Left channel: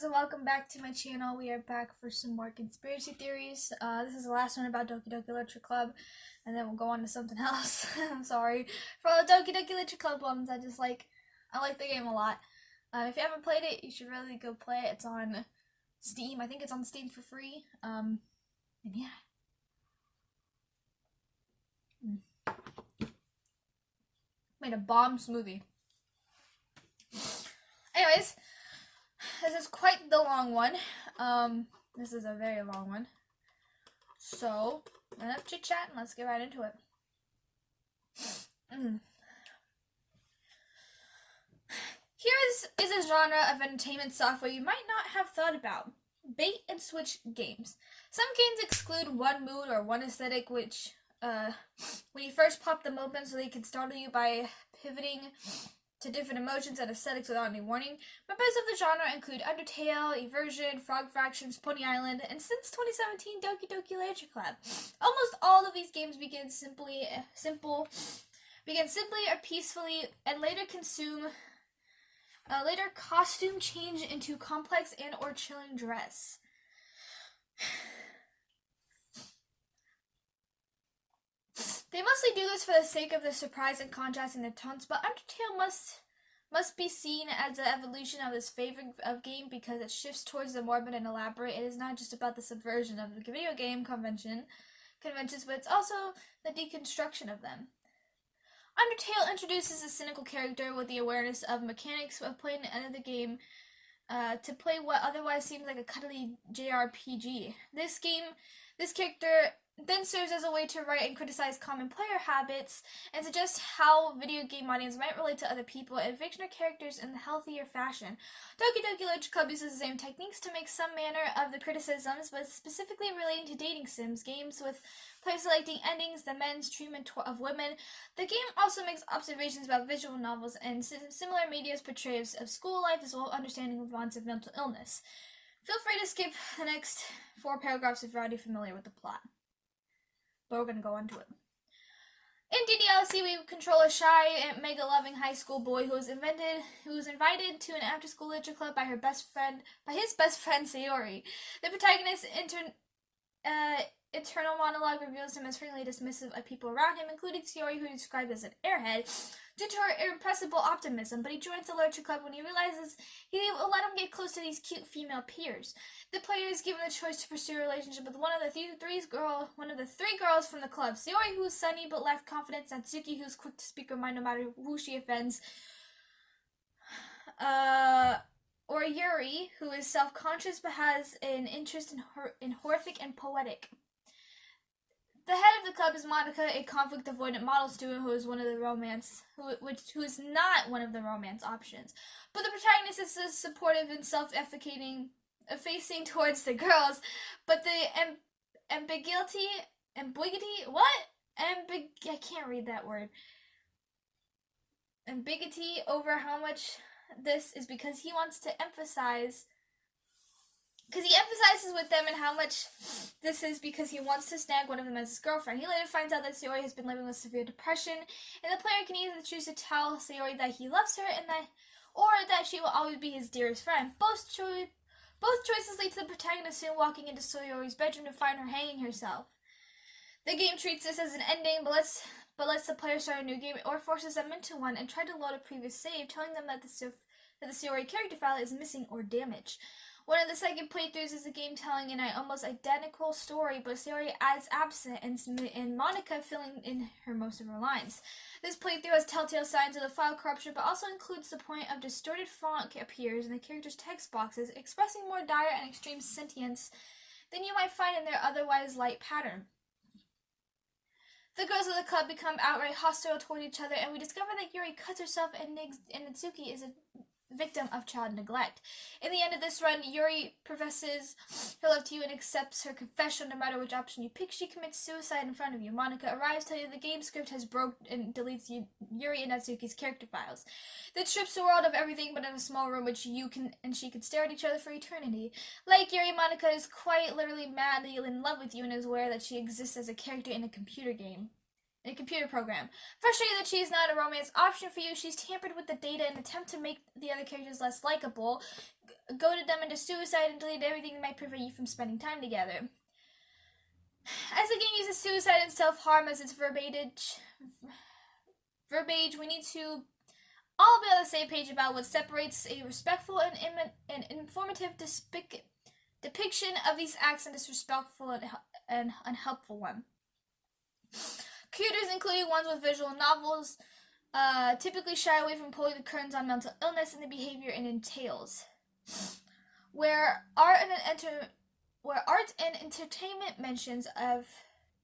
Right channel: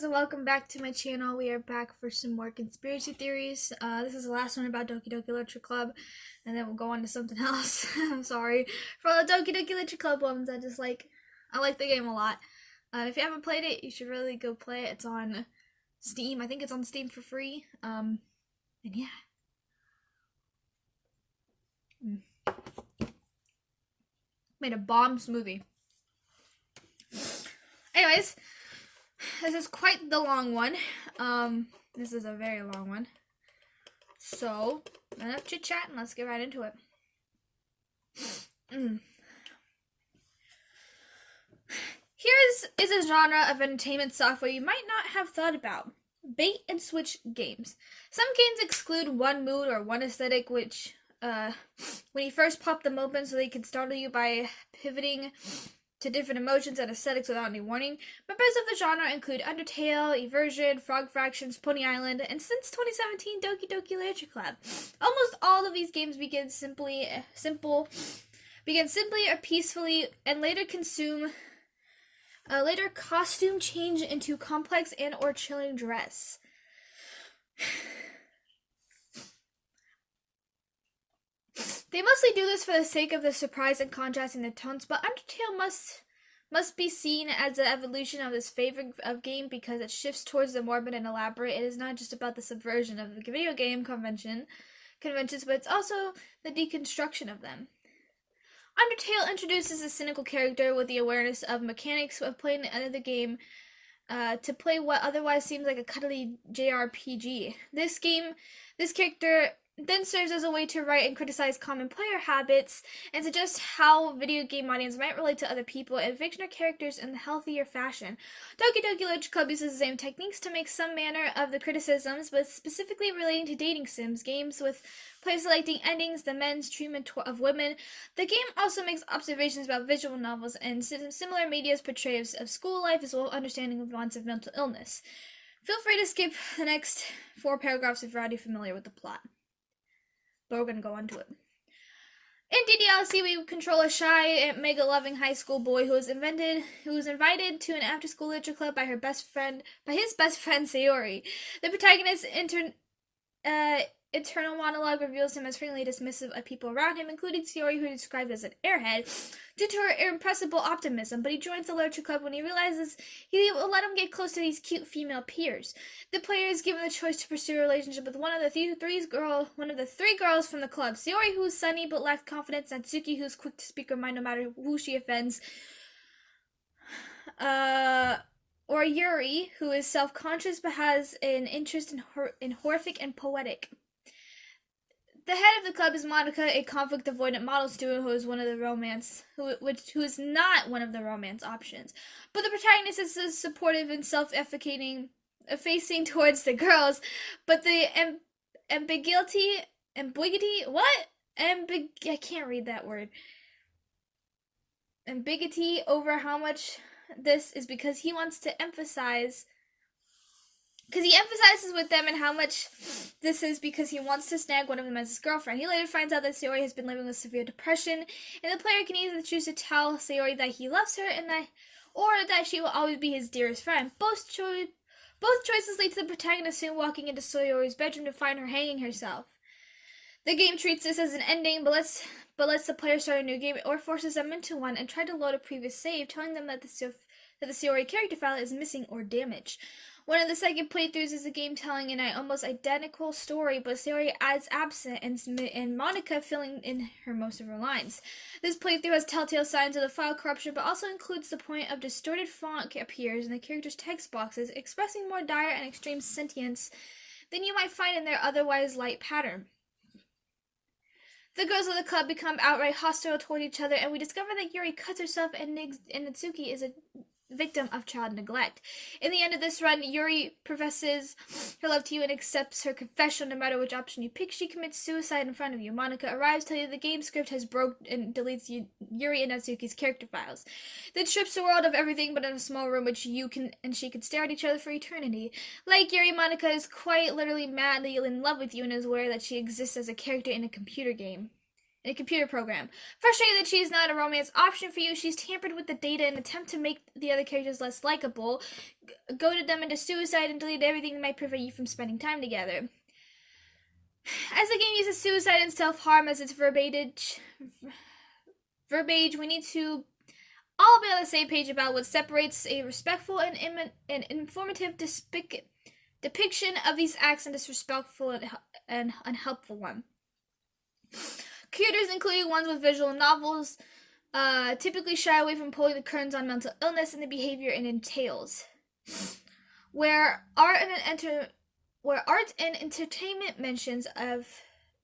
guys, and welcome back to my channel. We are back for some more conspiracy theories. This is the last one about Doki Doki Literature Club, and then we'll go on to something else. I'm sorry for all the Doki Doki Literature Club ones. I like the game a lot. If you haven't played it, you should really go play it. It's on Steam. I think it's on Steam for free. And yeah. Made a bomb smoothie. Anyways, this is quite the long one. This is a very long one. So, enough chit chat and let's get right into it. Here is a genre of entertainment software you might not have thought about. Bait and switch games. Some games exclude one mood or one aesthetic, which, when you first pop them open so they can startle you by pivoting to different emotions and aesthetics without any warning. Members of the genre include Undertale, Eversion, Frog Fractions, Pony Island, and since 2017, Doki Doki Literature Club. Almost all of these games begin simply or peacefully, and later costume change into complex and or chilling dress. They mostly do this for the sake of the surprise and contrast in the tones, but Undertale must be seen as an evolution of this favorite of game because it shifts towards the morbid and elaborate. It is not just about the subversion of the video game conventions, but it's also the deconstruction of them. Undertale introduces a cynical character with the awareness of mechanics of playing the end of the game to play what otherwise seems like a cuddly JRPG. This character then serves as a way to write and criticize common player habits and suggest how video game audience might relate to other people and fictional characters in a healthier fashion. Doki Doki Literature Club uses the same techniques to make some manner of the criticisms, but specifically relating to dating sims, games with players selecting endings, the men's treatment of women. The game also makes observations about visual novels and similar media's portrayals of school life as well as understanding of wants of mental illness. Feel free to skip the next 4 paragraphs if you're already familiar with the plot. But we're going to go into it. In DDLC, we control a shy and mega-loving high school boy who was invited to an after-school literature club by his best friend Sayori. The protagonist's internal monologue reveals him as frequently dismissive of people around him, including Sayori, who is described as an airhead, due to her irrepressible optimism, but he joins the literature club when he realizes he will let him get close to these cute female peers. The player is given the choice to pursue a relationship with one of the three girls from the club, Sayori, who is sunny but lacks confidence, Natsuki, who is quick to speak her mind no matter who she offends, or Yuri, who is self-conscious but has an interest in horrific and poetic. The head of the club is Monika, a conflict-avoidant model student who is not one of the romance options. But the protagonist is supportive and self-efficating, facing towards the girls. But the ambiguity, I can't read that word. Ambiguity over how much this is because he emphasizes with them and how much this is because he wants to snag one of them as his girlfriend. He later finds out that Sayori has been living with severe depression, and the player can either choose to tell Sayori that he loves her or that she will always be his dearest friend. Both choices lead to the protagonist soon walking into Sayori's bedroom to find her hanging herself. The game treats this as an ending, but lets the player start a new game or forces them into one and try to load a previous save, telling them that the Sayori character file is missing or damaged. One of the second playthroughs is the game telling an almost identical story, but Sayori is absent and Monika filling in most of her lines. This playthrough has telltale signs of the file corruption, but also includes the point of distorted font appears in the characters' text boxes, expressing more dire and extreme sentience than you might find in their otherwise light pattern. The girls of the club become outright hostile toward each other, and we discover that Yuri cuts herself and Natsuki is a victim of child neglect. In the end of this run, Yuri professes her love to you and accepts her confession no matter which option you pick. She commits suicide in front of you. Monika arrives, telling you the game script has broke and deletes Yuri and Natsuki's character files. Then strips the world of everything but in a small room which she can stare at each other for eternity. Like Yuri, Monika is quite literally madly in love with you and is aware that she exists as a character in a computer game. in a computer program. Frustrated that she is not a romance option for you, she's tampered with the data in an attempt to make the other characters less likable, goaded them into suicide, and deleted everything that might prevent you from spending time together. As the game uses suicide and self-harm as its verbiage, we need to all be on the same page about what separates a respectful and informative depiction of these acts and disrespectful and unhelpful one. Creators, including ones with visual novels, typically shy away from pulling the curtains on mental illness and the behavior it entails. Where art and entertainment mentions of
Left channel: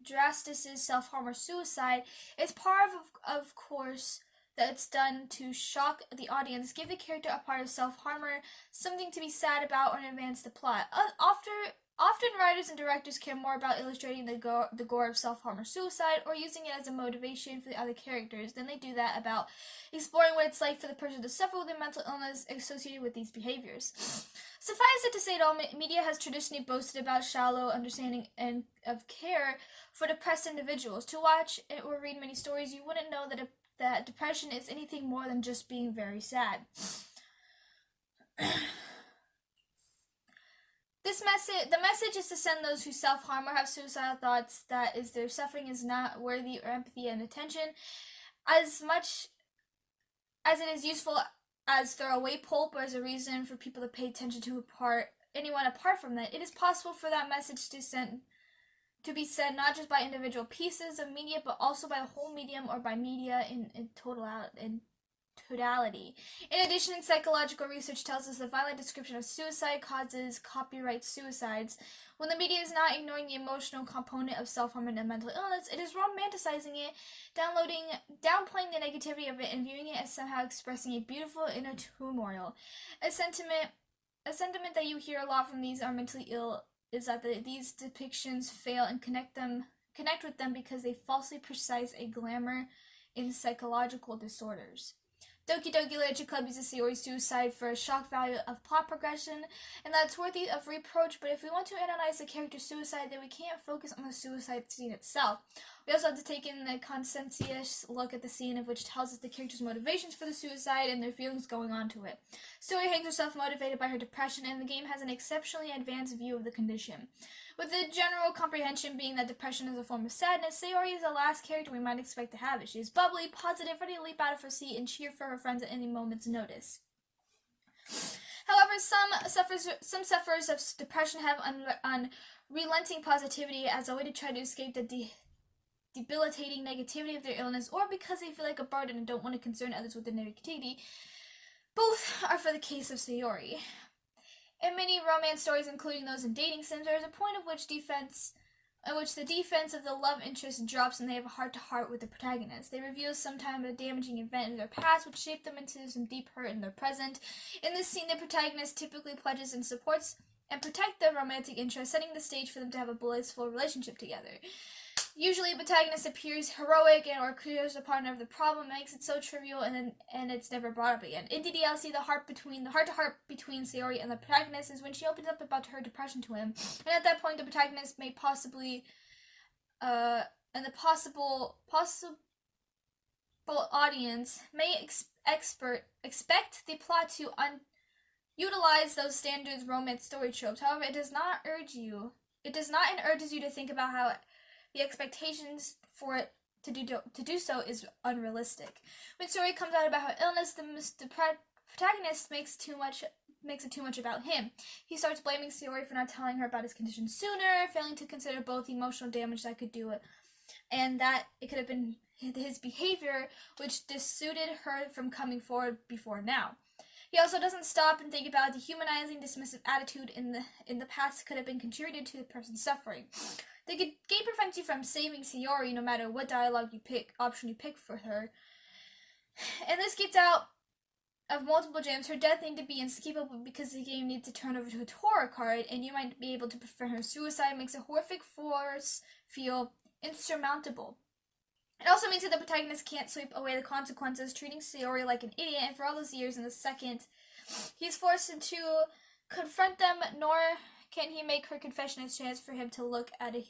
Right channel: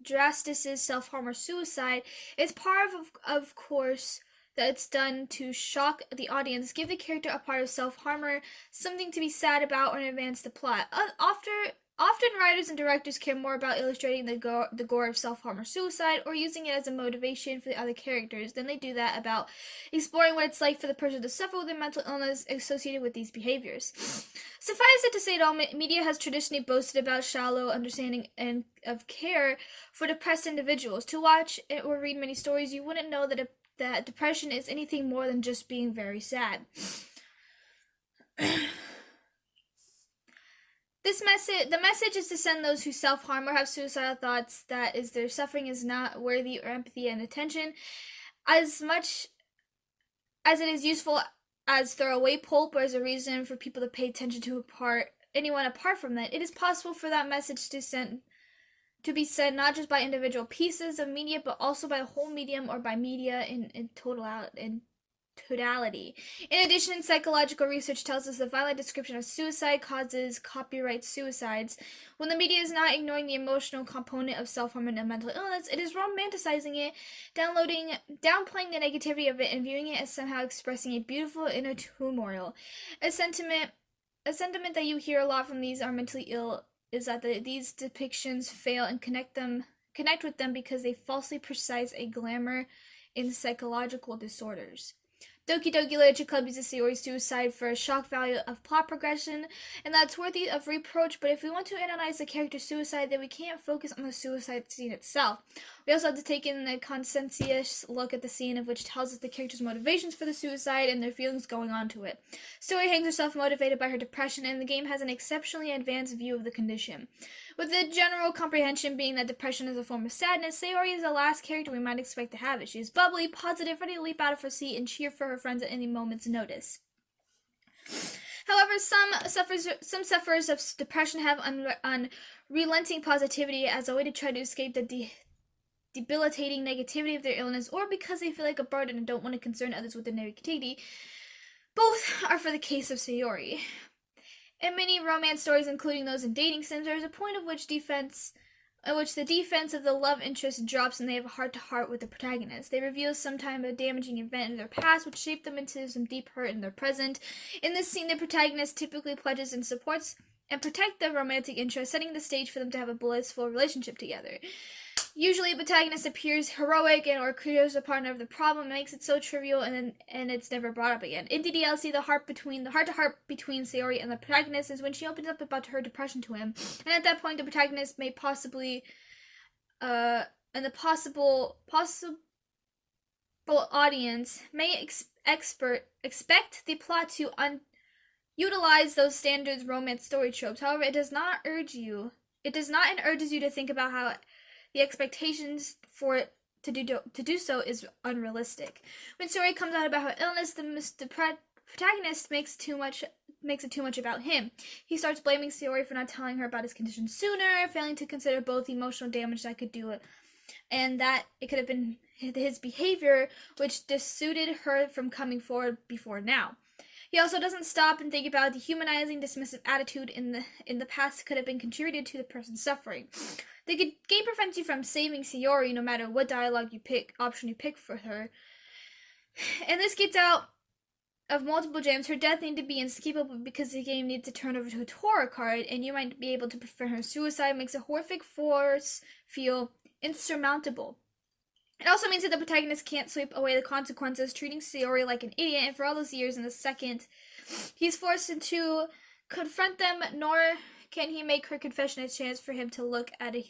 Drastis's self-harm or suicide, it's part of course, that it's done to shock the audience, give the character a part of self-harmer, something to be sad about, or advance the plot. Often writers and directors care more about illustrating the gore of self-harm or suicide, or using it as a motivation for the other characters, than they do that about exploring what it's like for the person to suffer with a mental illness associated with these behaviors. Suffice it to say, all media has traditionally boasted about shallow understanding and of care for depressed individuals. To watch or read many stories, you wouldn't know that depression is anything more than just being very sad. The message is to send those who self-harm or have suicidal thoughts that their suffering is not worthy or empathy and attention, as much as it is useful as throwaway pulp or as a reason for people to pay attention to anyone apart from that. It is possible for that message to be said not just by individual pieces of media, but also by a whole medium or by media in totality. In addition, psychological research tells us the violent description of suicide causes copyright suicides. When the media is not ignoring the emotional component of self-harm and mental illness, it is romanticizing it, downplaying the negativity of it, and viewing it as somehow expressing a beautiful inner turmoil. A sentiment that you hear a lot from these are mentally ill is that these depictions fail and connect with them because they falsely precise a glamour in psychological disorders. Doki Doki Literature Club uses Sayori's suicide for a shock value of plot progression, and that's worthy of reproach, but if we want to analyze the character's suicide, then we can't focus on the suicide scene itself. We also have to take in a conscientious look at the scene, of which tells us the character's motivations for the suicide and their feelings going on to it. Sayori hangs herself motivated by her depression, and the game has an exceptionally advanced view of the condition. With the general comprehension being that depression is a form of sadness, Sayori is the last character we might expect to have it. She is bubbly, positive, ready to leap out of her seat and cheer for her friends at any moment's notice. However, some sufferers of depression have unrelenting positivity as a way to try to escape the debilitating negativity of their illness, or because they feel like a burden and don't want to concern others with their negativity. Both are for the case of Sayori. In many romance stories, including those in dating sims, there is a point at which the defense of the love interest drops and they have a heart-to-heart with the protagonist. They reveal sometime a damaging event in their past which shaped them into some deep hurt in their present. In this scene, the protagonist typically pledges and supports and protect the romantic interest, setting the stage for them to have a blissful relationship together. Usually, the protagonist appears heroic or clears a partner of the problem, makes it so trivial, and it's never brought up again. In DDLC, the heart-to-heart between Sayori and the protagonist is when she opens up about her depression to him, and at that point, the protagonist may possibly, and the possible audience may expect the plot to utilize those standard romance story tropes. However, it does not urge you to think about how the expectations for it to do so is unrealistic. When Sayori comes out about her illness, the protagonist makes it too much about him. He starts blaming Sayori for not telling her about his condition sooner, failing to consider both the emotional damage that could do it, and that it could have been his behavior which dissuaded her from coming forward before now. He also doesn't stop and think about the humanizing, dismissive attitude in the past could have been contributed to the person's suffering. The game prevents you from saving Sayori no matter what option you pick for her. And this gets out of multiple gems. Her death needs to be inescapable because the game needs to turn over to a horror card, and you might be able to prevent her suicide. Makes a horrific force feel insurmountable. It also means that the protagonist can't sweep away the consequences, treating Sayori like an idiot, and for all those years in the second he's forced to confront them, nor can he make her confession a chance for him to look like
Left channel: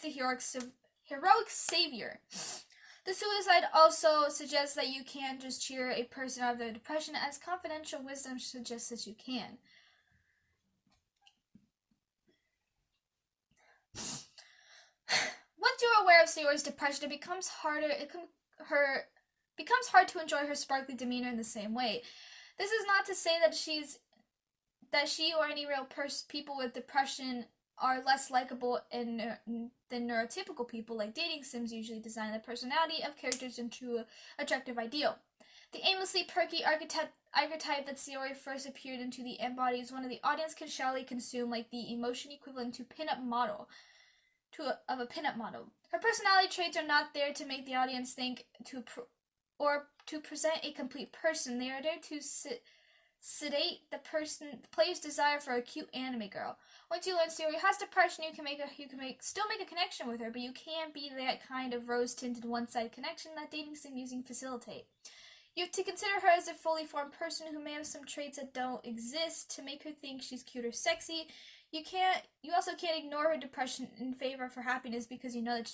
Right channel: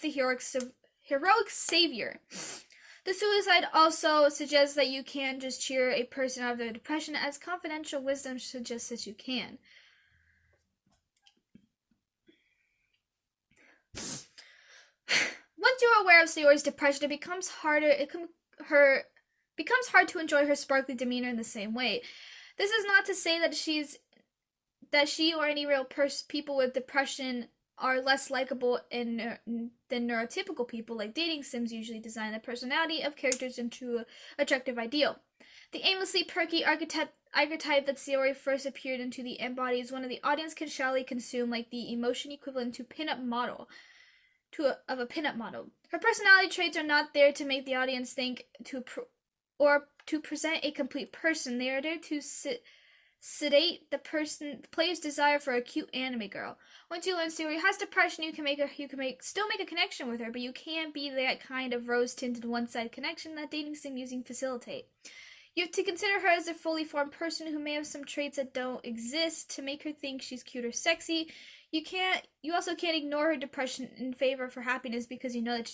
the heroic savior. The suicide also suggests that you can't just cheer a person out of their depression, as confidential wisdom suggests that you can. Once you're aware of Sayori's depression, it becomes hard to enjoy her sparkly demeanor in the same way. This is not to say that she or any real people with depression are less likable than neurotypical people. Like dating sims usually design the personality of characters into an attractive ideal. The aimlessly perky archetype that Sayori first appeared into the embodies one of the audience can shallowly consume, like the emotion equivalent to pinup model. Of a pinup model. Her personality traits are not there to make the audience think or to present a complete person. They are there to sedate the player's desire for a cute anime girl. Once you learn Sayori has depression, you can still make a connection with her, but you can't be that kind of rose-tinted one-sided connection that dating sim using facilitate. You have to consider her as a fully formed person who may have some traits that don't exist to make her think she's cute or sexy. You also can't ignore her depression in favor of her happiness, because you know that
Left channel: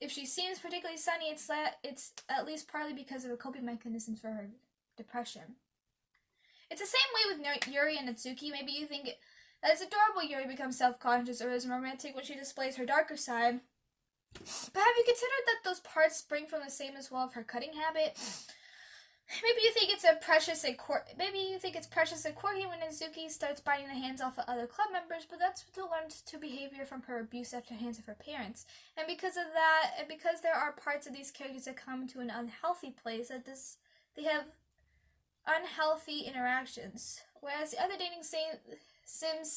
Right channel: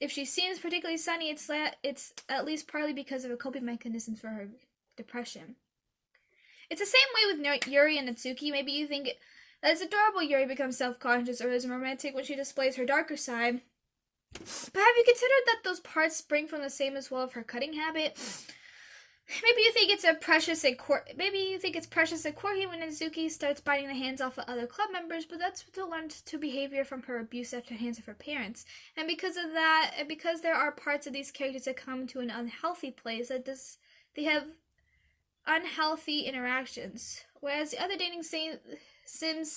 if she seems particularly sunny, it's at least partly because of her coping mechanisms for her depression. It's the same way with Yuri and Natsuki. Maybe you think that it's adorable Yuri becomes self-conscious or is romantic when she displays her darker side. But have you considered that those parts spring from the same as well of her cutting habit? Maybe you think it's precious and quirky when Natsuki starts biting the hands off of other club members, but that's still learned to behavior from her abuse at the hands of her parents. And because of that, and because there are parts of these characters that come to an unhealthy place, they have unhealthy interactions. Whereas the other dating sims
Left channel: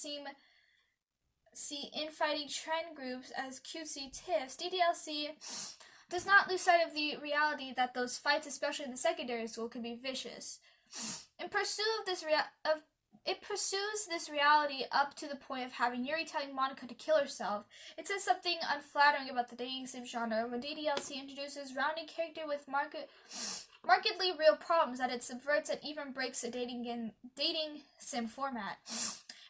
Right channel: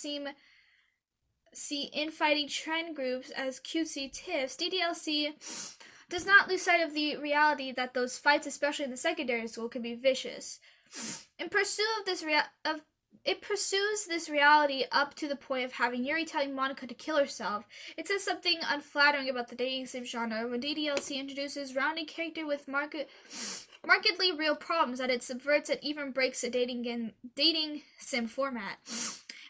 see infighting trend groups as cutesy tiffs, DDLC does not lose sight of the reality that those fights, especially in the secondary school, can be vicious. It pursues this reality up to the point of having Yuri telling Monika to kill herself. It says something unflattering about the dating sim genre when DDLC introduces rounded character with markedly real problems that it subverts and even breaks a dating sim format.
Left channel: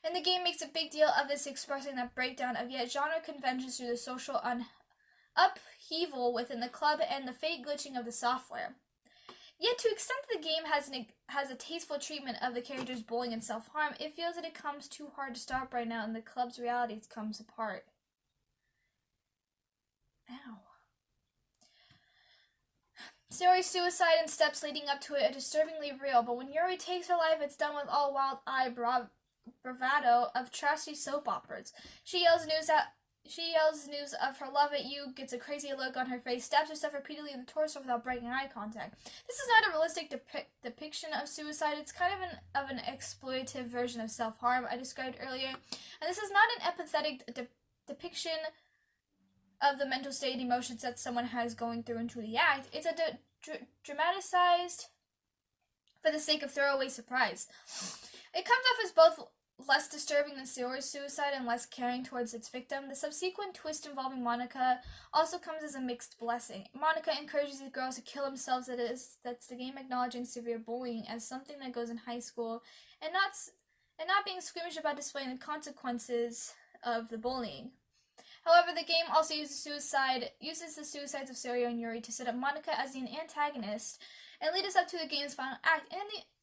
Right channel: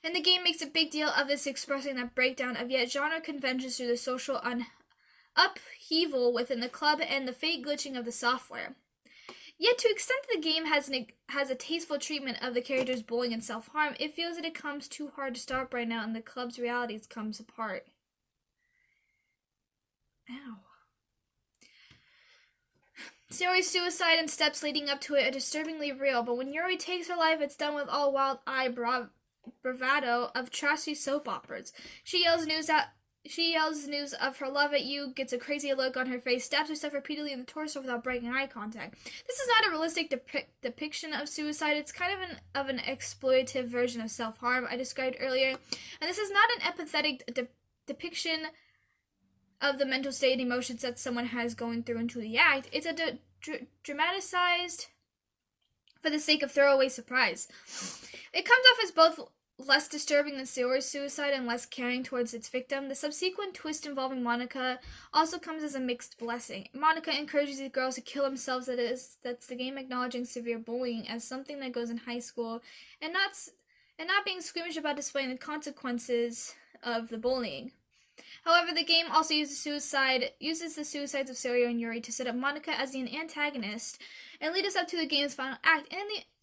And the game makes a big deal of this, expressing that breakdown of yet genre conventions through the social upheaval within the club and the fake glitching of the software. Yet, to the extent that the game has a tasteful treatment of the characters' bullying and self-harm, it feels that it comes too hard to stop right now and the club's realities comes apart. Ow. Sayori's suicide and steps leading up to it are disturbingly real, but when Yuri takes her life, it's done with all wild-eye bravado of trashy soap operas. She yells news of her love at you, gets a crazy look on her face, stabs herself repeatedly in the torso without breaking eye contact. This is not a realistic depiction of suicide. It's kind of an exploitative version of self-harm I described earlier. And this is not an empathetic depiction of the mental state and emotions that someone has going through into the act. It's a dramatized for the sake of throwaway surprise. It comes off as both less disturbing than Sayori's suicide and less caring towards its victim. The subsequent twist involving Monika also comes as a mixed blessing. Monika encourages these girls to kill themselves. That's the game acknowledging severe bullying as something that goes in high school, and not being squeamish about displaying the consequences of the bullying. However, the game also uses the suicides of Sayori and Yuri to set up Monika as the antagonist and lead us up to the game's final act.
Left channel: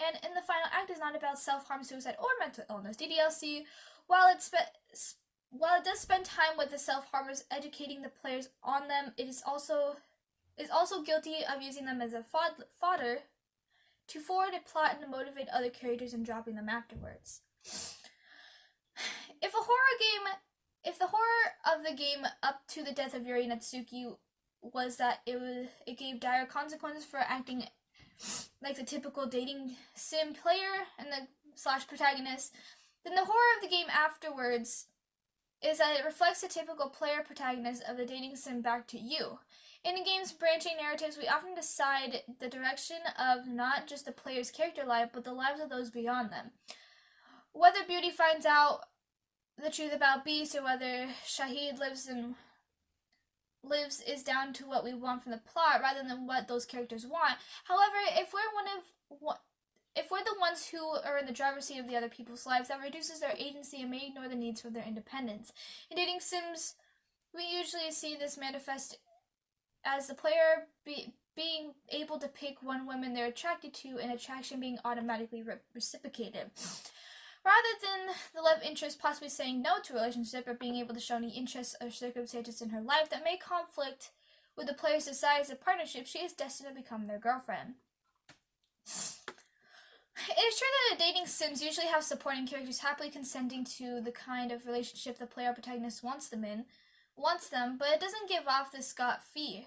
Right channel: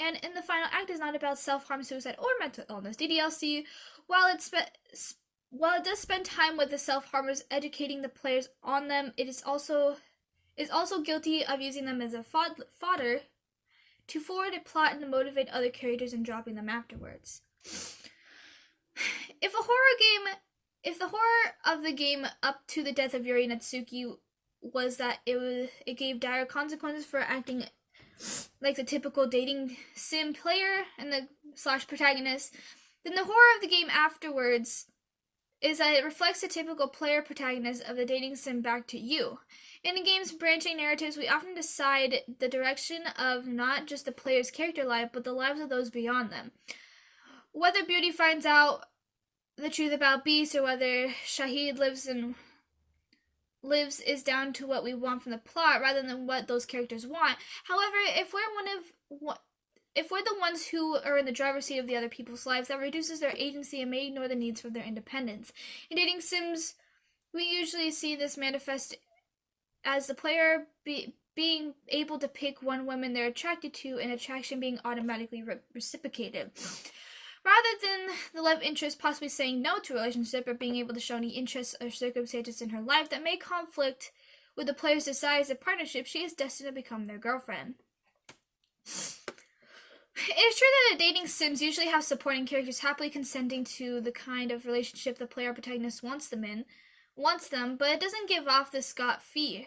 And in the final act is not about self-harm, suicide, or mental illness. DDLC, while it does spend time with the self-harmers, educating the players on them, it is also guilty of using them as a fodder to forward a plot and to motivate other characters and dropping them afterwards. If the horror of the game up to the death of Yuri Natsuki was that it gave dire consequences for acting like the typical dating sim player and the / protagonist, then the horror of the game afterwards is that it reflects the typical player protagonist of the dating sim back to you. In the game's branching narratives, we often decide the direction of not just the player's character life, but the lives of those beyond them. Whether Beauty finds out the truth about Beast or whether Shahid lives is down to what we want from the plot rather than what those characters want. However, if we're the ones who are in the driver's seat of the other people's lives, that reduces their agency and may ignore the needs for their independence. In dating sims, We usually see this manifest as the player being able to pick one woman they're attracted to and attraction being automatically reciprocated. Rather than the love interest possibly saying no to a relationship or being able to show any interests or circumstances in her life that may conflict with the player's desires of partnership, she is destined to become their girlfriend. It is true that the dating sims usually have supporting characters happily consenting to the kind of relationship the player protagonist wants them, but it doesn't give off the scot-free.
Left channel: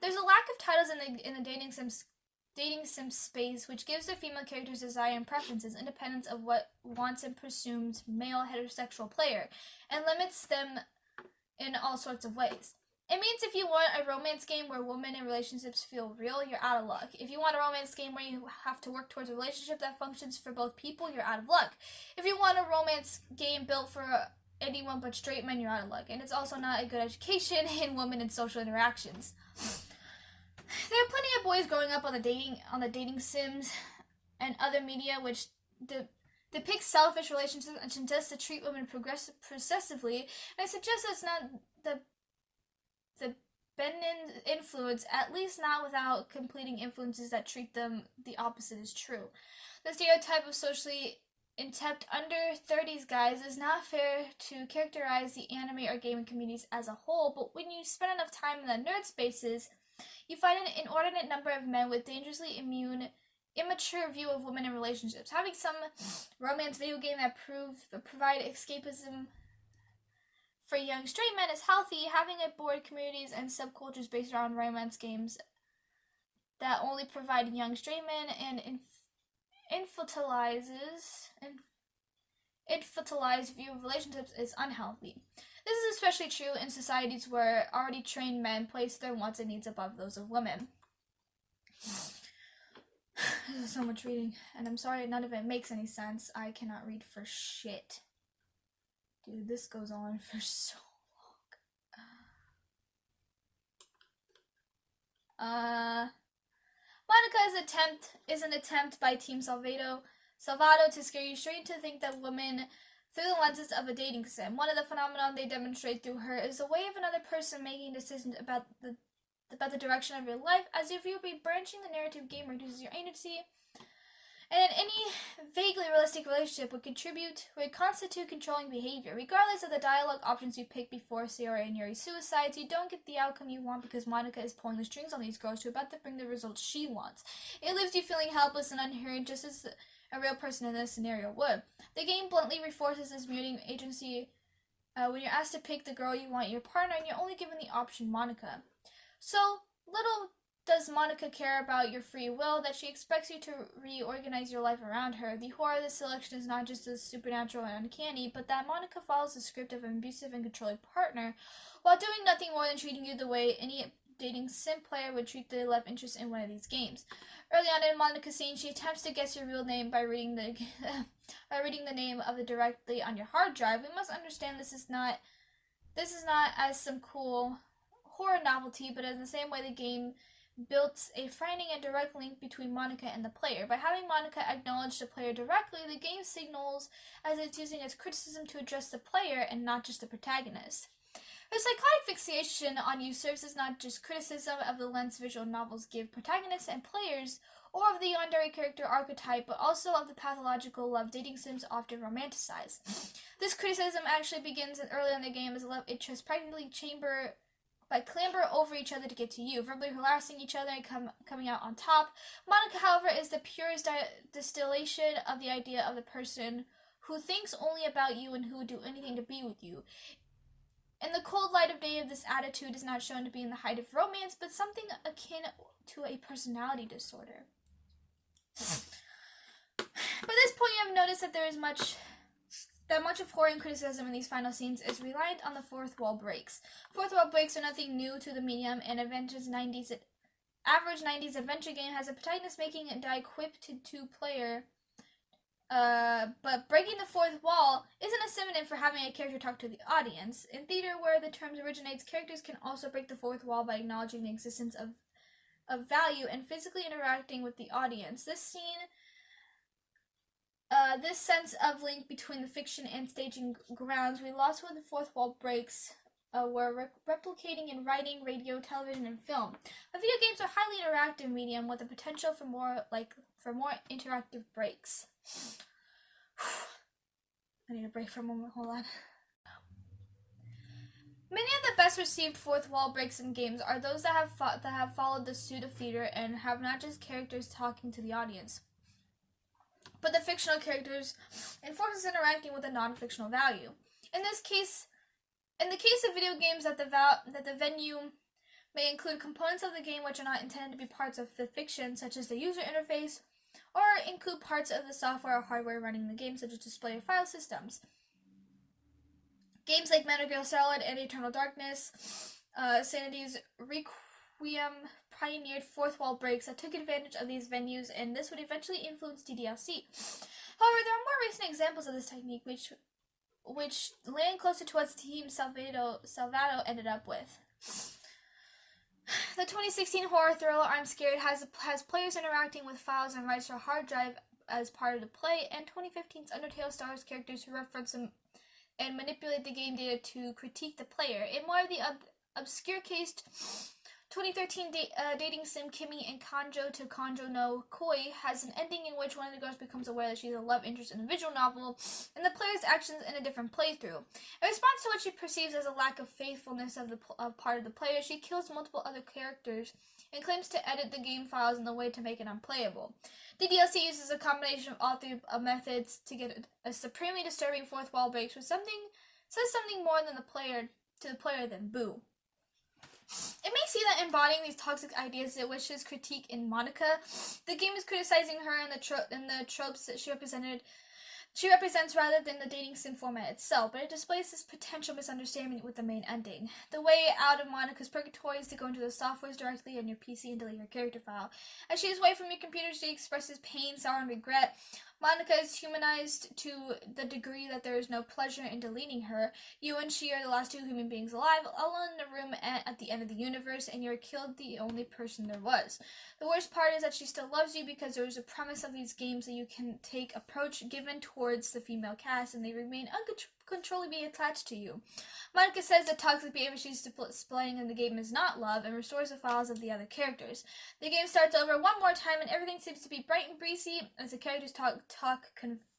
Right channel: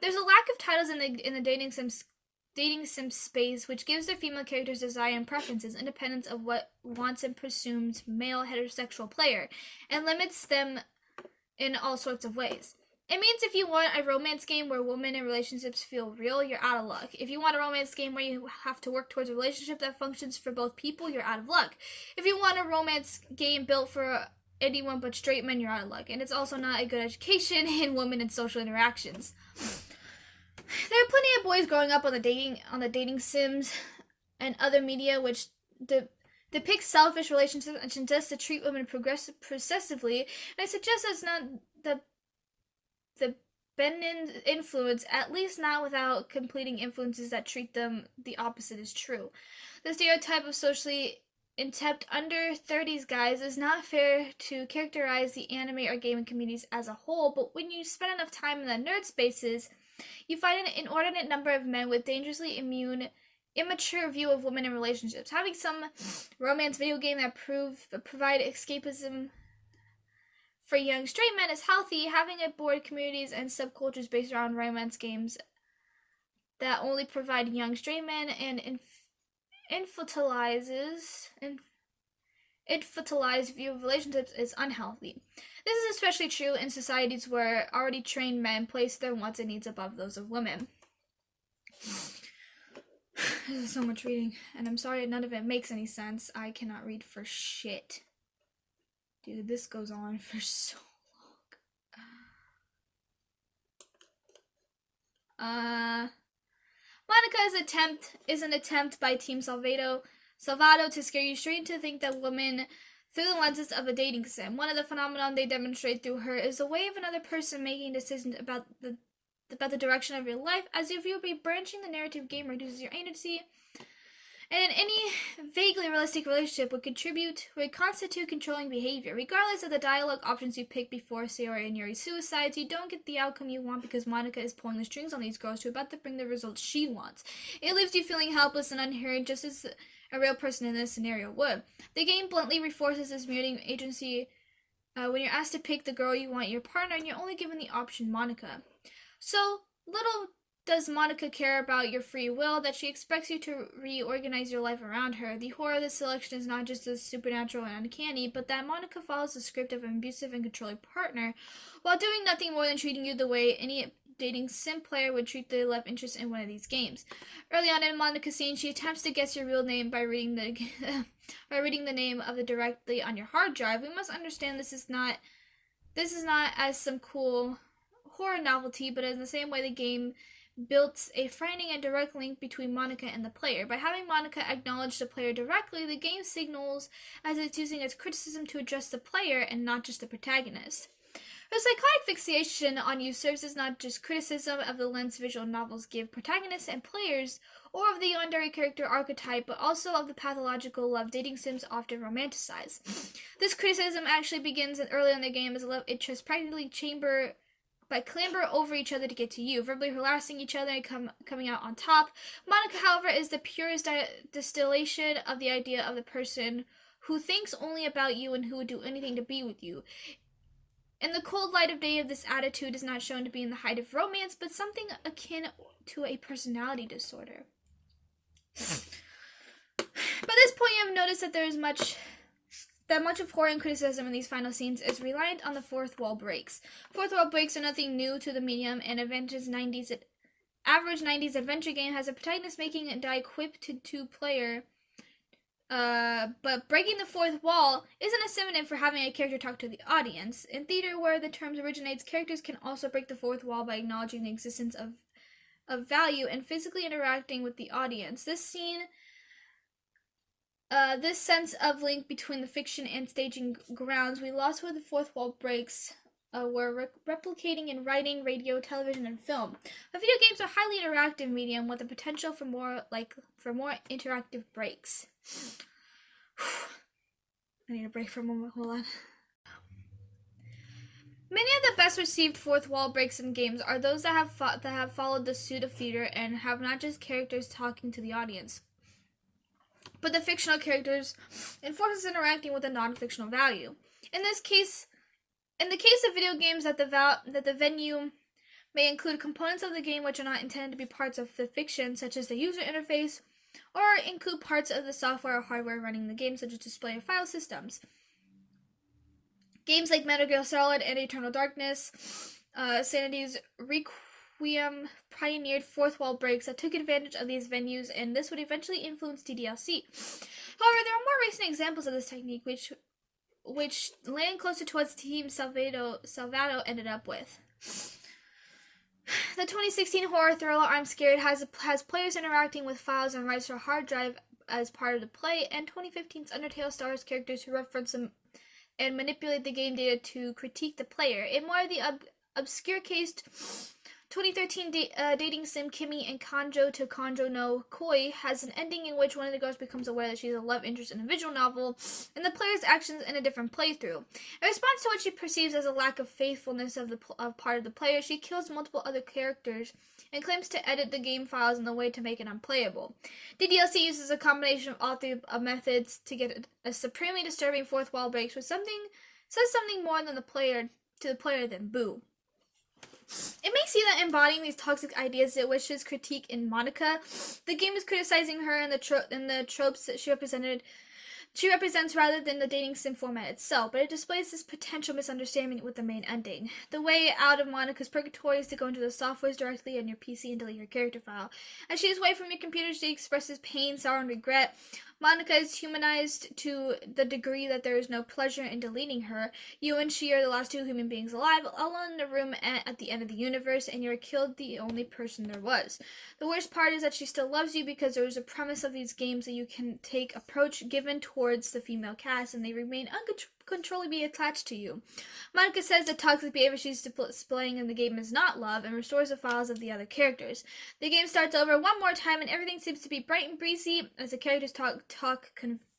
There's a lack of titles in the dating sim space, which gives their female characters desire and preferences, independent of what wants and presumed male heterosexual player, and limits them in all sorts of ways. It means if you want a romance game where women and relationships feel real, you're out of luck. If you want a romance game where you have to work towards a relationship that functions for both people, you're out of luck. If you want a romance game built for anyone but straight men, you're out of luck. And it's also not a good education in women and social interactions. There are plenty of boys growing up on the dating sims and other media which depict selfish relationships and suggest to treat women possessively. And I suggest that's not the feminine influence, at least not without completing influences that treat them the opposite is true. The stereotype of socially inept under 30s guys is not fair to characterize the anime or gaming communities as a whole, but when you spend enough time in the nerd spaces, you find an inordinate number of men with dangerously immature view of women and relationships. Having some romance video game that provide escapism for young straight men is healthy. Having a board communities and subcultures based around romance games that only provide young straight men and infantilized view of relationships is unhealthy. This is especially true in societies where already trained men place their wants and needs above those of women. This is so much reading, and I'm sorry none of it makes any sense. I cannot read for shit. Dude, this goes on for so long. Monika is an attempt by Team Salvado to scare you straight into think that women through the lenses of a dating sim. One of the phenomenon they demonstrate through her is the way of another person making decisions about the direction of your life, as if you would be branching the narrative game reduces your agency. And any vaguely realistic relationship would constitute controlling behavior. Regardless of the dialogue options you pick before Sayori and Yuri's suicides, you don't get the outcome you want because Monika is pulling the strings on these girls who are about to bring the results she wants. It leaves you feeling helpless and unheard, just as a real person in this scenario would. The game bluntly reinforces this muting agency when you're asked to pick the girl you want your partner and you're only given the option Monika. So, little does Monika care about your free will that she expects you to reorganize your life around her. The horror of this selection is not just as supernatural and uncanny, but that Monika follows the script of an abusive and controlling partner while doing nothing more than treating you the way any dating sim player would treat the love interest in one of these games. Early on in Monika's scene, she attempts to guess your real name by reading the name of the directly on your hard drive. We must understand this is not as some cool horror novelty, but in the same way the game built a frightening and direct link between Monika and the player. By having Monika acknowledge the player directly, the game signals as it's using its criticism to address the player and not just the protagonist. Her psychotic fixation on you serves as not just criticism of the lens visual novels give protagonists and players, or of the yandere character archetype, but also of the pathological love dating sims often romanticize. This criticism actually begins early in the game as love interests practically clamber over each other to get to you, verbally harassing each other and coming out on top. Monika, however, is the purest distillation of the idea of the person who thinks only about you and who would do anything to be with you. In the cold light of day of this attitude is not shown to be in the height of romance, but something akin to a personality disorder. By this point, you have noticed that there is much of horror and criticism in these final scenes is reliant on the fourth wall breaks. Fourth wall breaks are nothing new to the medium, and average 90s adventure game has a protagonist making a die equipped to two-player. But breaking the fourth wall isn't a synonym for having a character talk to the audience. In theater, where the term originates, characters can also break the fourth wall by acknowledging the existence of value and physically interacting with the audience. This sense of link between the fiction and staging grounds we lost with the fourth wall breaks were replicating in writing, radio, television, and film. But video games are a highly interactive medium with the potential for more interactive breaks. I need a break for a moment. Hold on. Many of the best received fourth wall breaks in games are those that have followed the suit of theater and have not just characters talking to the audience, but the fictional characters and forces interacting with a non-fictional value. In the case of video games, that the venue may include components of the game which are not intended to be parts of the fiction, such as the user interface, or include parts of the software or hardware running the game, such as display or file systems. Games like Metal Gear Solid and Eternal Darkness, Sanity's Requiem pioneered fourth wall breaks that took advantage of these venues, and this would eventually influence DDLC. However, there are more recent examples of this technique, which land closer to what Team Salvato ended up with. The 2016 horror thriller I'm Scared has players interacting with files and writes for a hard drive as part of the play, and 2015's Undertale stars characters who reference them and manipulate the game data to critique the player. In more of the obscure case, 2013 dating sim Kimi and Kanjo to Kanjo no Koi has an ending in which one of the girls becomes aware that she's a love interest in a visual novel, and the player's actions in a different playthrough. In response to what she perceives as a lack of faithfulness of part of the player, she kills multiple other characters and claims to edit the game files in a way to make it unplayable. DDLC uses a combination of all three methods to get a supremely disturbing fourth wall breaks, which says something more than to the player than boo. It may see that embodying these toxic ideas it wishes critique in Monika. The game is criticizing her and the tropes that she represents rather than the dating sim format itself, but it displays this potential misunderstanding with the main ending. The way out of Monika's purgatory is to go into the softwares directly on your PC and delete her character file. As she is away from your computer, she expresses pain, sorrow, and regret. Monika is humanized to the degree that there is no pleasure in deleting her. You and she are the last two human beings alive, alone in a room at the end of the universe, and you are killed the only person there was. The worst part is that she still loves you because there is a premise of these games that you can take approach given towards the female cast, and they remain uncontrollably attached to you. Monika says the toxic behavior she's displaying in the game is not love, and restores the files of the other characters. The game starts over one more time, and everything seems to be bright and breezy as the characters talk convivially,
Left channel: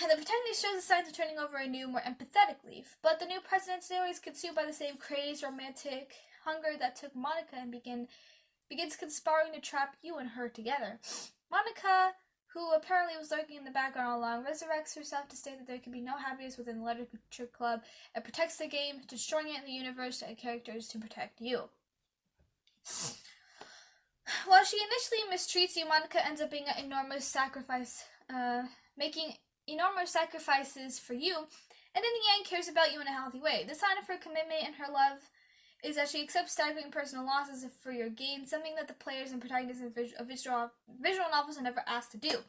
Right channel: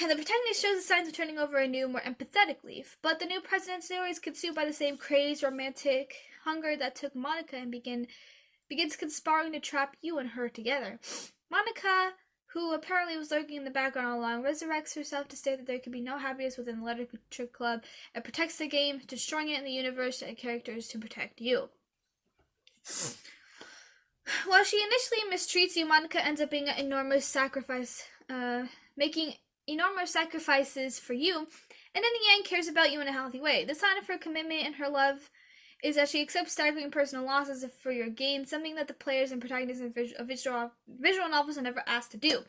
and the protagonist shows the signs of turning over a new, more empathetic leaf. But the new president Zero is consumed by the same crazed, romantic hunger that took Monika and begins conspiring to trap you and her together. Monika, who apparently was lurking in the background all along, resurrects herself to state that there can be no happiness within the Literature Club and protects the game, destroying it in the universe and characters to protect you. While she initially mistreats you, Monika ends up being an enormous sacrifice, making enormous sacrifices for you, and in the end cares about you in a healthy way. The sign of her commitment and her love is that she accepts staggering personal losses for your gain, something that the players and protagonists of visual novels are never asked to do.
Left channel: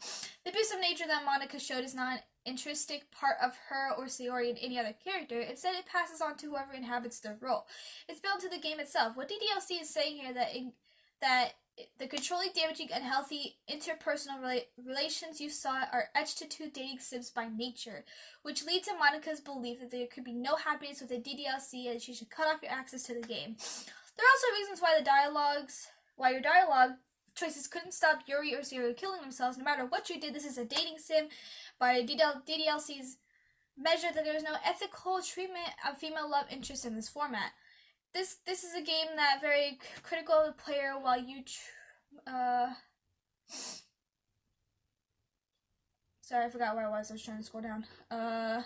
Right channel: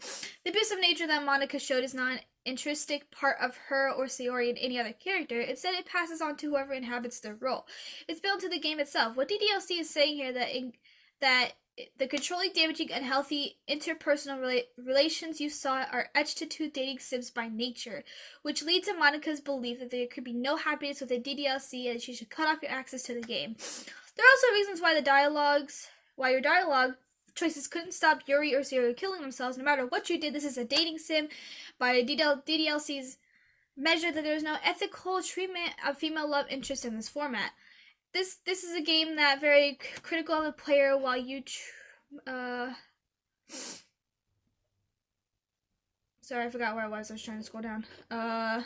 The abusive nature that Monika showed is not an intrinsic part of her or Sayori and any other character. Instead, it passes on to whoever inhabits their role. It's built into the game itself. What DDLC is saying here that the controlling, damaging, unhealthy interpersonal relations you saw are etched into dating sims by nature, which leads to Monika's belief that there could be no happiness with a DDLC and she should cut off your access to the game. There are also reasons why your dialogue choices couldn't stop Yuri or Zero killing themselves. No matter what you did, this is a dating sim by DDLC's measure that there is no ethical treatment of female love interest in this format. This is a game that very critical of the player while you sorry, I forgot where I was trying to scroll down.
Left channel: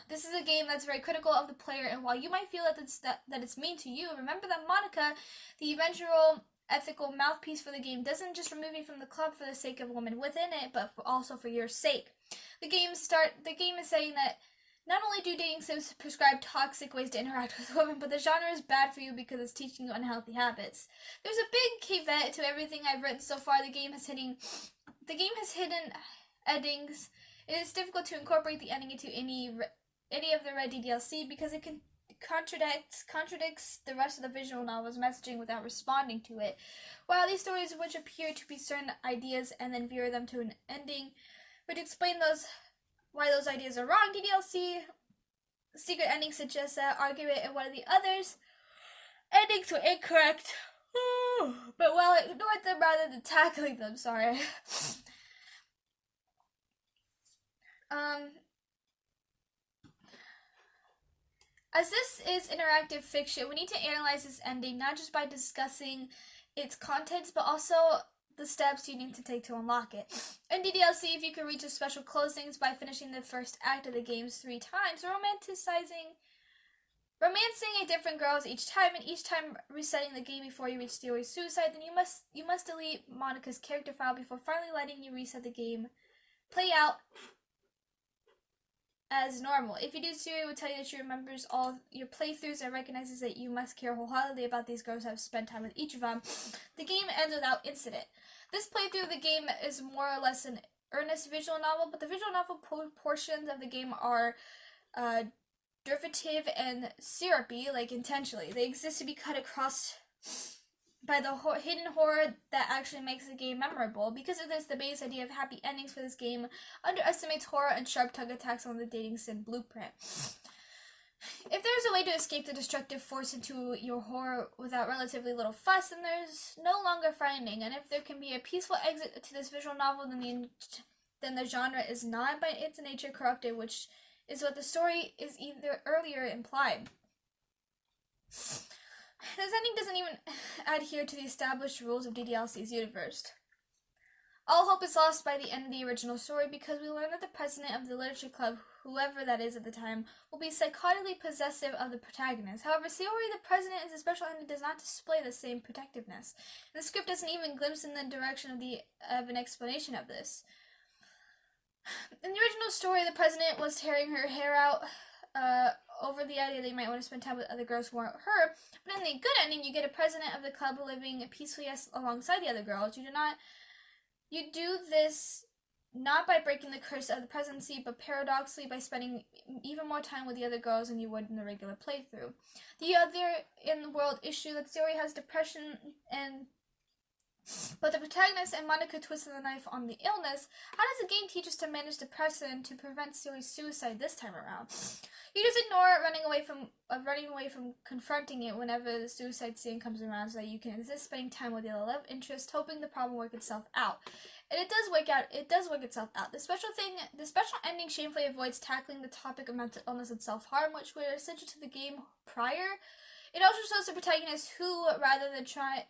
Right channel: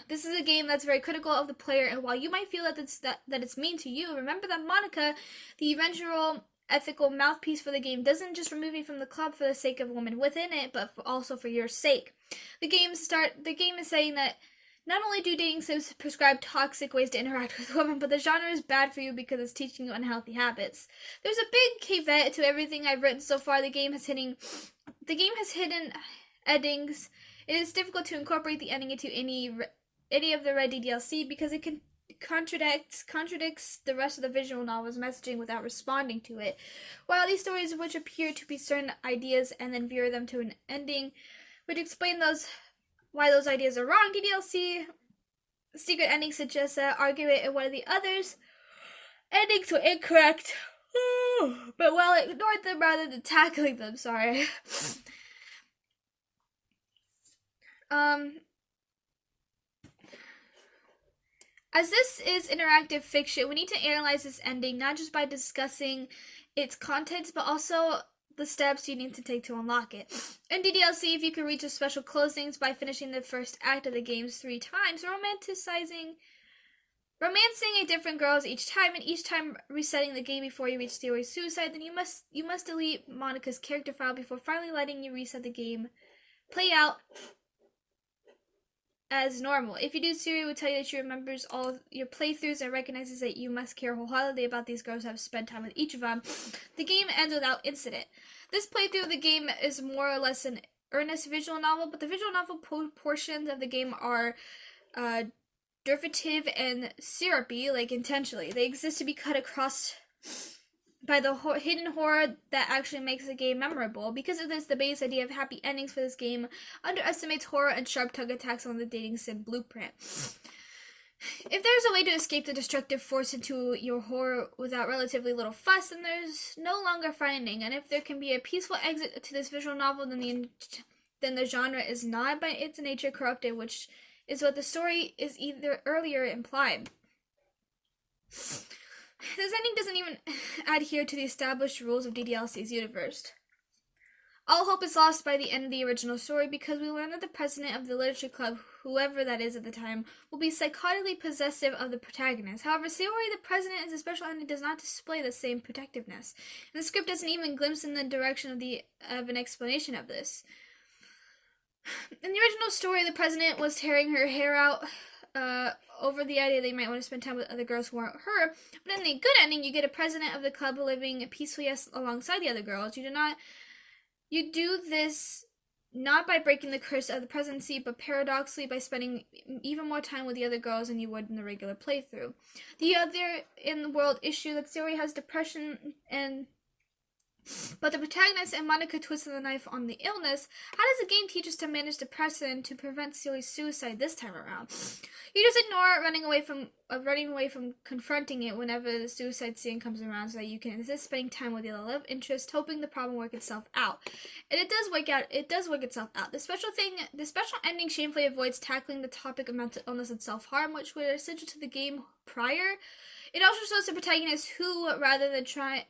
This is a game that's very critical of the player, and while you might feel that it's mean to you, remember that Monika, the eventual ethical mouthpiece for the game, doesn't just remove you from the club for the sake of women within it, but also for your sake. The game is saying that not only do dating sims prescribe toxic ways to interact with women, but the genre is bad for you because it's teaching you unhealthy habits. There's a big caveat to everything I've written so far. The game has hidden endings. It is difficult to incorporate the ending into any of the Red DDLC because it contradicts the rest of the visual novel's messaging without responding to it. While these stories, which appear to be certain ideas and then veer them to an ending, which explain why those ideas are wrong, DDLC secret ending suggests that argument in one of the others endings were incorrect. But while it ignored them rather than tackling them, sorry. As this is interactive fiction, we need to analyze this ending not just by discussing its contents, but also the steps you need to take to unlock it. In DDLC, if you can reach the special closings by finishing the first act of the games 3 times, romancing a different girl each time, and each time resetting the game before you reach Sayori's suicide, then you must delete Monika's character file before finally letting you reset the game play out as normal. If you do, Sayori will tell you that she remembers all your playthroughs and recognizes that you must care wholeheartedly about these girls who have spent time with each of them. The game ends without incident. This playthrough of the game is more or less an earnest visual novel, but the visual novel portions of the game are derivative and syrupy, like intentionally. They exist to be cut across by the hidden horror that actually makes the game memorable. Because of this, the base idea of happy endings for this game underestimates horror and sharp tongue attacks on the dating sim blueprint. If there's a way to escape the destructive force into your horror without relatively little fuss, then there's no longer finding. And if there can be a peaceful exit to this visual novel, then the genre is not by its nature corrupted, which is what the story is either earlier implied. This ending doesn't even adhere to the established rules of DDLC's universe. All hope is lost by the end of the original story because we learn that the president of the literature club, whoever that is at the time, will be psychotically possessive of the protagonist. However, Sayori, the president, as a special entity, does not display the same protectiveness. And the script doesn't even glimpse in the direction of an explanation of this. In the original story, the president was tearing her hair out over the idea that you might want to spend time with other girls who aren't her. But in the good ending, you get a president of the club living peacefully alongside the other girls. You do this not by breaking the curse of the presidency, but paradoxically by spending even more time with the other girls than you would in the regular playthrough. The other in-the-world issue that Sayori has depression but the protagonist and Monika twisted the knife on the illness. How does the game teach us to manage depression to prevent Sayori's suicide this time around? You just ignore it, running away from confronting it whenever the suicide scene comes around, so that you can insist spending time with the other love interest, hoping the problem work itself out. And it does work out. It does work itself out. The special ending shamefully avoids tackling the topic of mental illness and self-harm, which were essential to the game prior. It also shows the protagonist who, rather than trying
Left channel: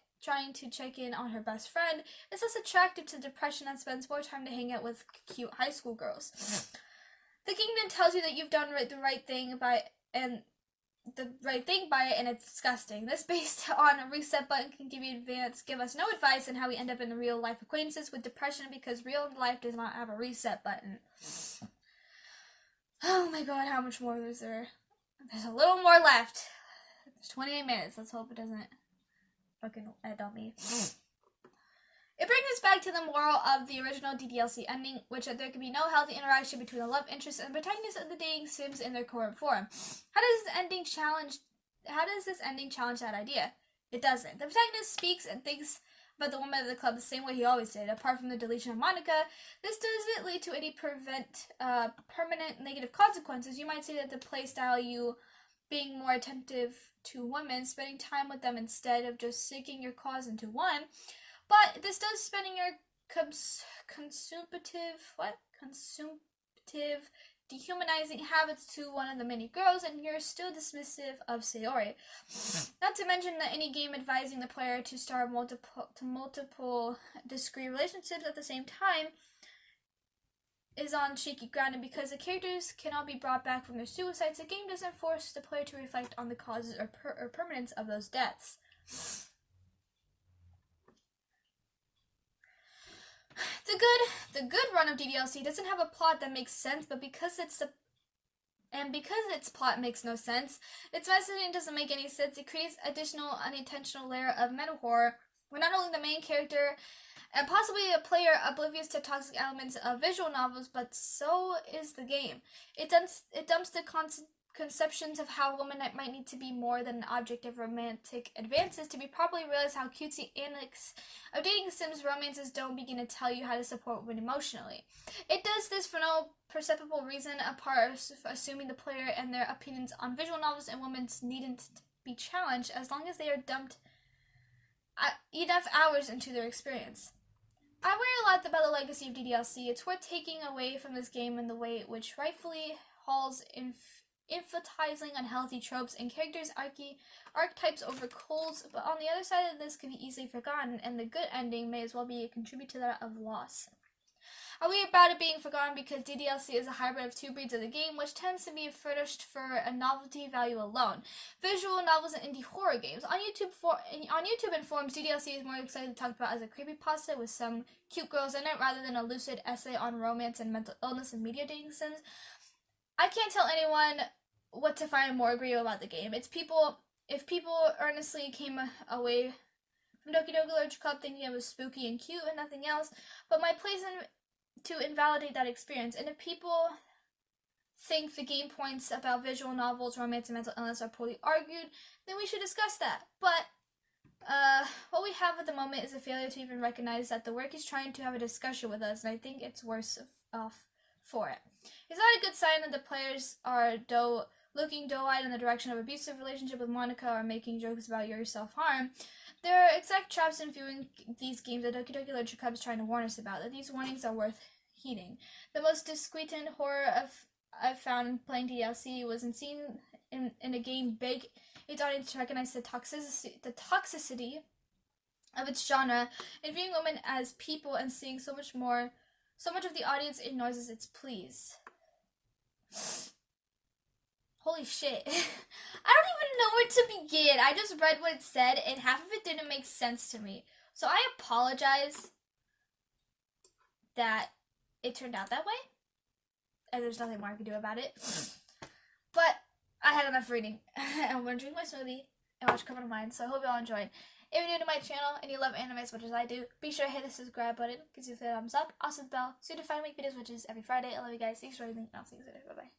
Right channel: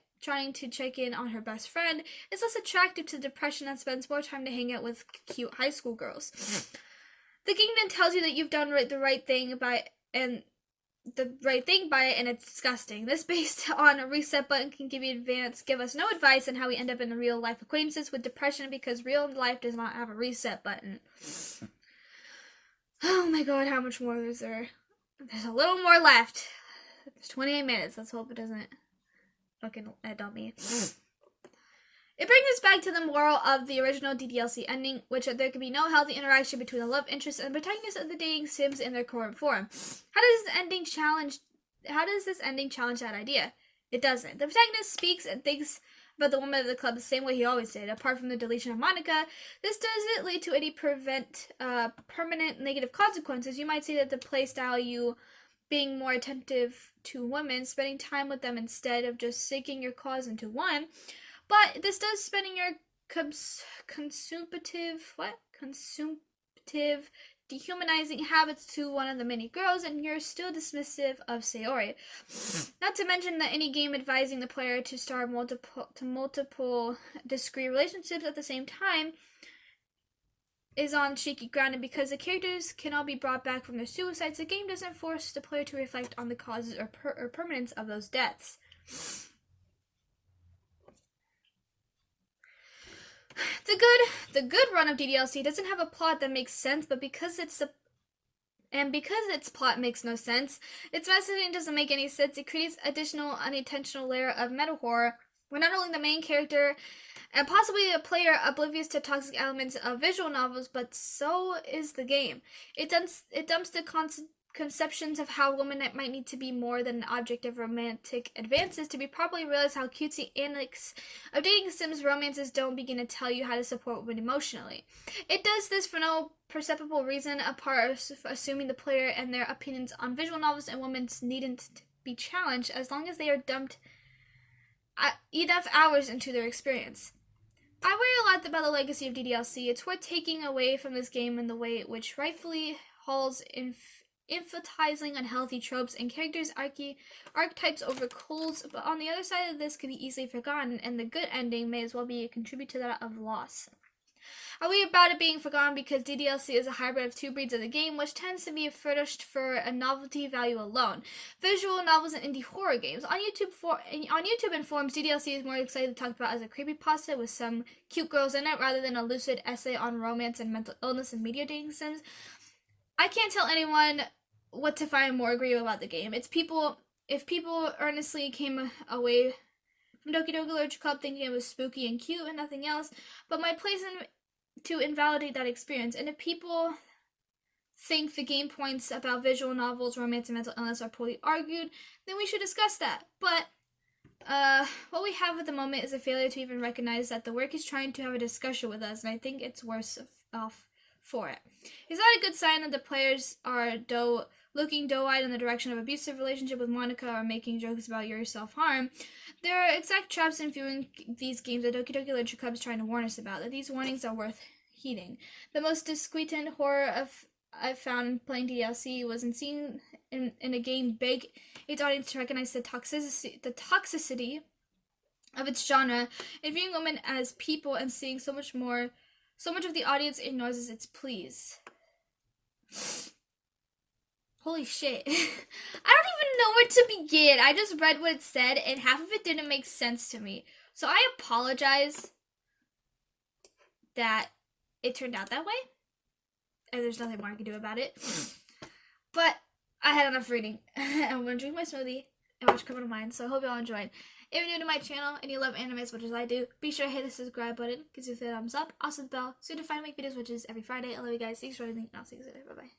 to check in on her best friend, is less attractive to depression and spends more time to hang out with cute high school girls. The game then tells you that you've done the right thing by it, and it's disgusting. This, based on a reset button, can give us no advice on how we end up in the real life acquaintances with depression, because real life does not have a reset button. Oh my god, how much more is there? There's a little more left. There's 28 minutes. Let's hope it doesn't fucking end on me. It brings us back to the moral of the original DDLC ending, which there can be no healthy interaction between the love interest and protagonist of the dating sims in their current form. How does this ending challenge that idea? It doesn't. The protagonist speaks and thinks about the woman of the club the same way he always did. Apart from the deletion of Monika, this doesn't lead to any permanent negative consequences. You might say that the playstyle you being more attentive to women, spending time with them instead of just sinking your cause into one. But this does spending your consumptive, dehumanizing habits to one of the many girls, and you're still dismissive of Sayori. Not to mention that any game advising the player to start multiple discrete relationships at the same time is on shaky ground, and because the characters can all be brought back from their suicides, the game doesn't force the player to reflect on the causes or permanence of those deaths. The good run of DDLC doesn't have a plot that makes sense, but because its plot makes no sense, its messaging doesn't make any sense, it creates additional unintentional layer of meta horror where not only the main character and possibly a player oblivious to toxic elements of visual novels, but so is the game. It dumps the conceptions of how women might need to be more than an object of romantic advances to be properly realized. How cutesy antics of dating sims romances don't begin to tell you how to support women emotionally. It does this for no perceptible reason apart of assuming the player and their opinions on visual novels and women's needn't be challenged as long as they are dumped enough hours into their experience. I worry a lot about the legacy of DDLC. It's worth taking away from this game in the way which rightfully hauls emphasizing unhealthy tropes and characters' archetypes over coals, but on the other side of this could be easily forgotten, and the good ending may as well be a contribute to that of loss. I worry about it being forgotten because DDLC is a hybrid of two breeds of the game, which tends to be furnished for a novelty value alone. Visual novels and indie horror games. On YouTube and forums, DDLC is more excitedly talked about as a creepypasta with some cute girls in it, rather than a lucid essay on romance and mental illness and media dating sims. I can't tell anyone what to find more agreeable about the game. If people earnestly came away from Doki Doki Literature Club thinking it was spooky and cute and nothing else, but my place to invalidate that experience. And if people think the game points about visual novels, romance, and mental illness are poorly argued, then we should discuss that. But what we have at the moment is a failure to even recognize that the work is trying to have a discussion with us, and I think it's worse off for it. It's not a good sign that the players are looking doe-eyed in the direction of abusive relationship with Monika or making jokes about your self-harm. There are exact traps in viewing these games that Doki Doki Literature Club is trying to warn us about, that these warnings are worth heeding. The most disquietant horror I've found in playing DLC was in seeing in a game beg its audience to recognize the toxicity of its genre, and viewing women as people and seeing so much of the audience ignores its pleas. Holy shit. I don't even know where to begin. I just read what it said, and half of it didn't make sense to me. So I apologize that it turned out that way. And there's nothing more I can do about it. But I had enough reading. I'm going to drink my smoothie and watch Criminal Minds. So I hope y'all enjoyed. If you're new to my channel and you love anime as much as I do, be sure to hit the subscribe button. Gives you a thumbs up. Also the bell. So you can find me videos which is every Friday. I love you guys. Thanks for everything. And I'll see you later. Bye-bye.